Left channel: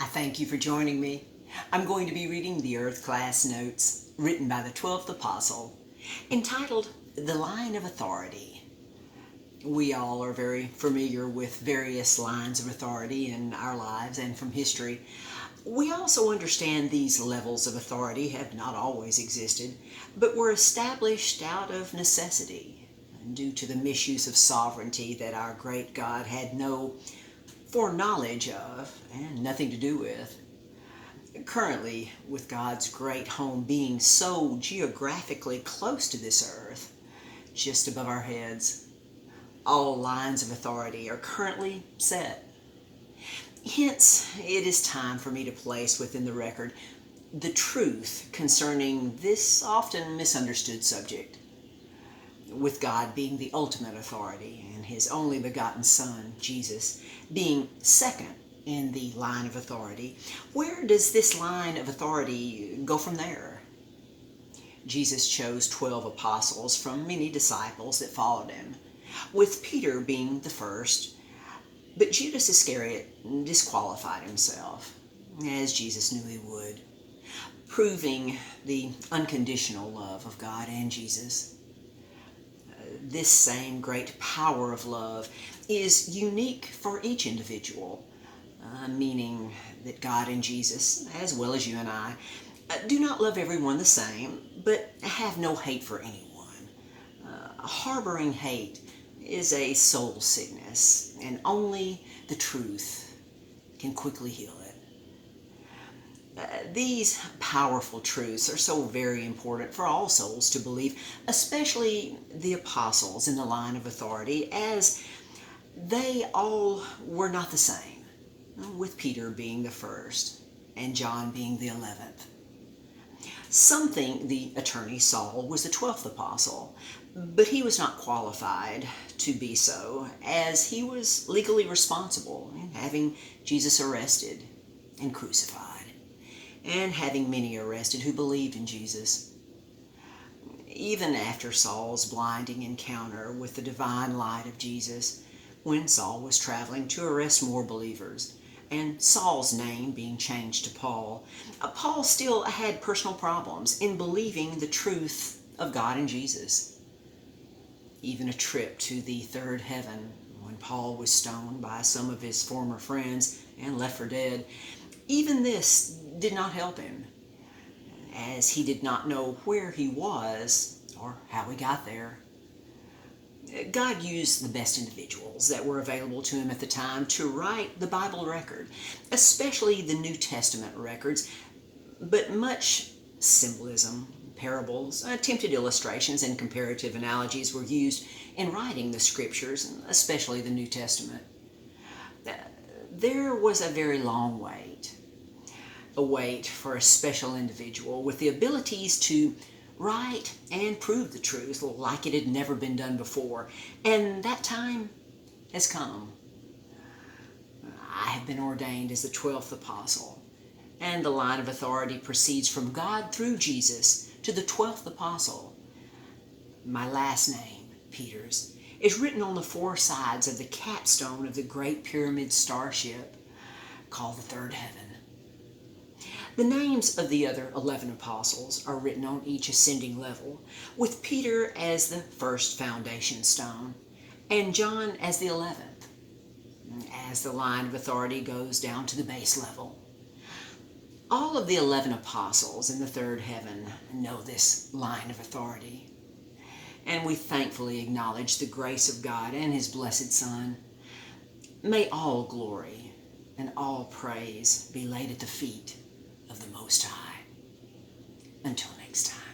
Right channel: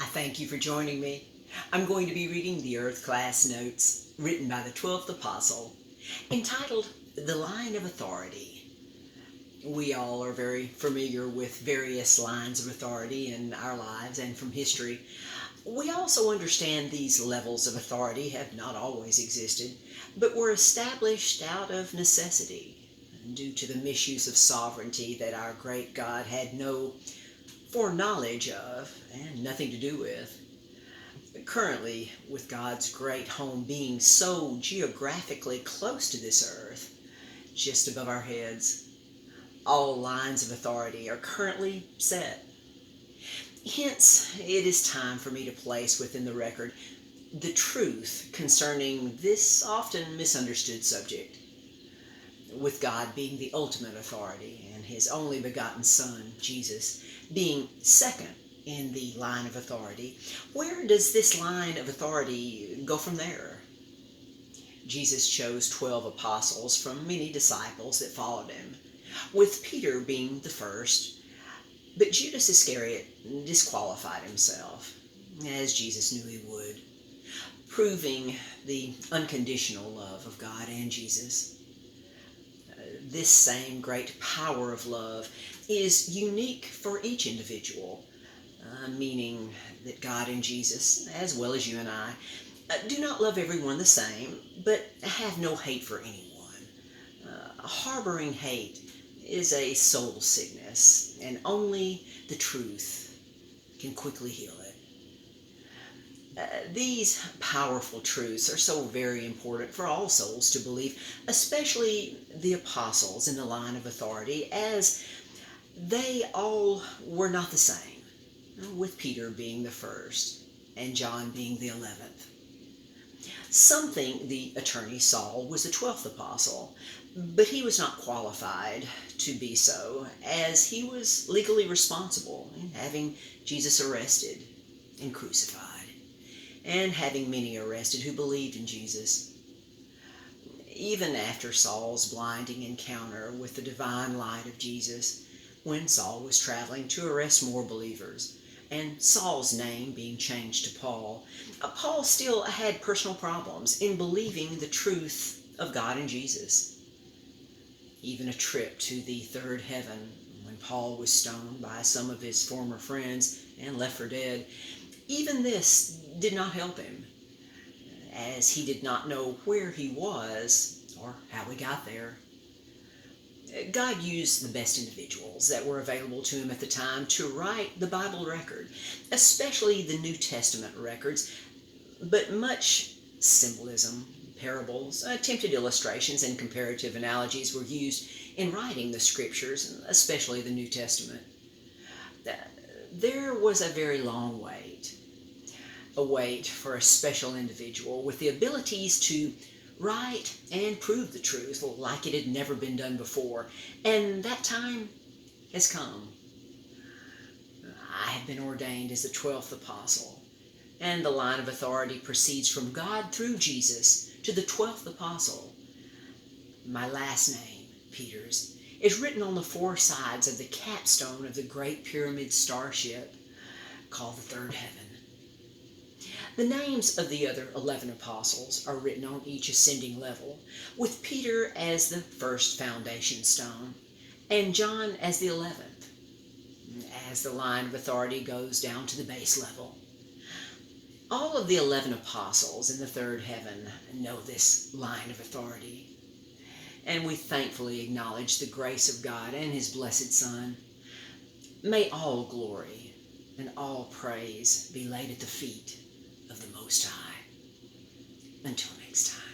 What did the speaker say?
I thank you for joining me. I'm going to be reading the Earth Class Notes written by the 12th Apostle, entitled The Line of Authority. We all are very familiar with various lines of authority in our lives and from history. We also understand these levels of authority have not always existed, but were established out of necessity due to the misuse of sovereignty that our great God had no foreknowledge of and nothing to do with. Currently, with God's great home being so geographically close to this earth, just above our heads, all lines of authority are currently set. Hence, it is time for me to place within the record the truth concerning this often misunderstood subject. With God being the ultimate authority and His only begotten Son, Jesus, being second in the line of authority, where does this line of authority go from there? Jesus chose 12 apostles from many disciples that followed Him, with Peter being the first, but Judas Iscariot disqualified himself, as Jesus knew he would, proving the unconditional love of God and Jesus. This same great power of love is unique for each individual, meaning that God and Jesus, as well as you and I, do not love everyone the same, but have no hate for anyone. Harboring hate is a soul sickness, and only the truth can quickly heal it. These powerful truths are so very important for all souls to believe, especially the apostles in the line of authority, as they all were not the same, with Peter being the first and John being the 11th. Some think the attorney Saul was the 12th apostle, but he was not qualified to be so, as he was legally responsible in having Jesus arrested and crucified, and having many arrested who believed in Jesus. Even after Saul's blinding encounter with the divine light of Jesus, when Saul was traveling to arrest more believers, and Saul's name being changed to Paul, Paul still had personal problems in believing the truth of God and Jesus. Even a trip to the third heaven, when Paul was stoned by some of his former friends and left for dead, even this did not help him, as he did not know where he was or how he got there. God used the best individuals that were available to him at the time to write the Bible record, especially the New Testament records, but much symbolism, parables, attempted illustrations, and comparative analogies were used in writing the scriptures, especially the New Testament. There was a very long wait, a wait for a special individual with the abilities to write and prove the truth like it had never been done before, and that time has come. I have been ordained as the 12th apostle, and the line of authority proceeds from God through Jesus to the 12th apostle. My last name, Peter's, is written on the four sides of the capstone of the Great Pyramid starship called the Third Heaven. The names of the other 11 apostles are written on each ascending level, with Peter as the first foundation stone, and John as the 11th, as the line of authority goes down to the base level. All of the 11 apostles in the third heaven know this line of authority, and we thankfully acknowledge the grace of God and His blessed Son. May all glory and all praise be laid at the feet of the Most High. Until next time.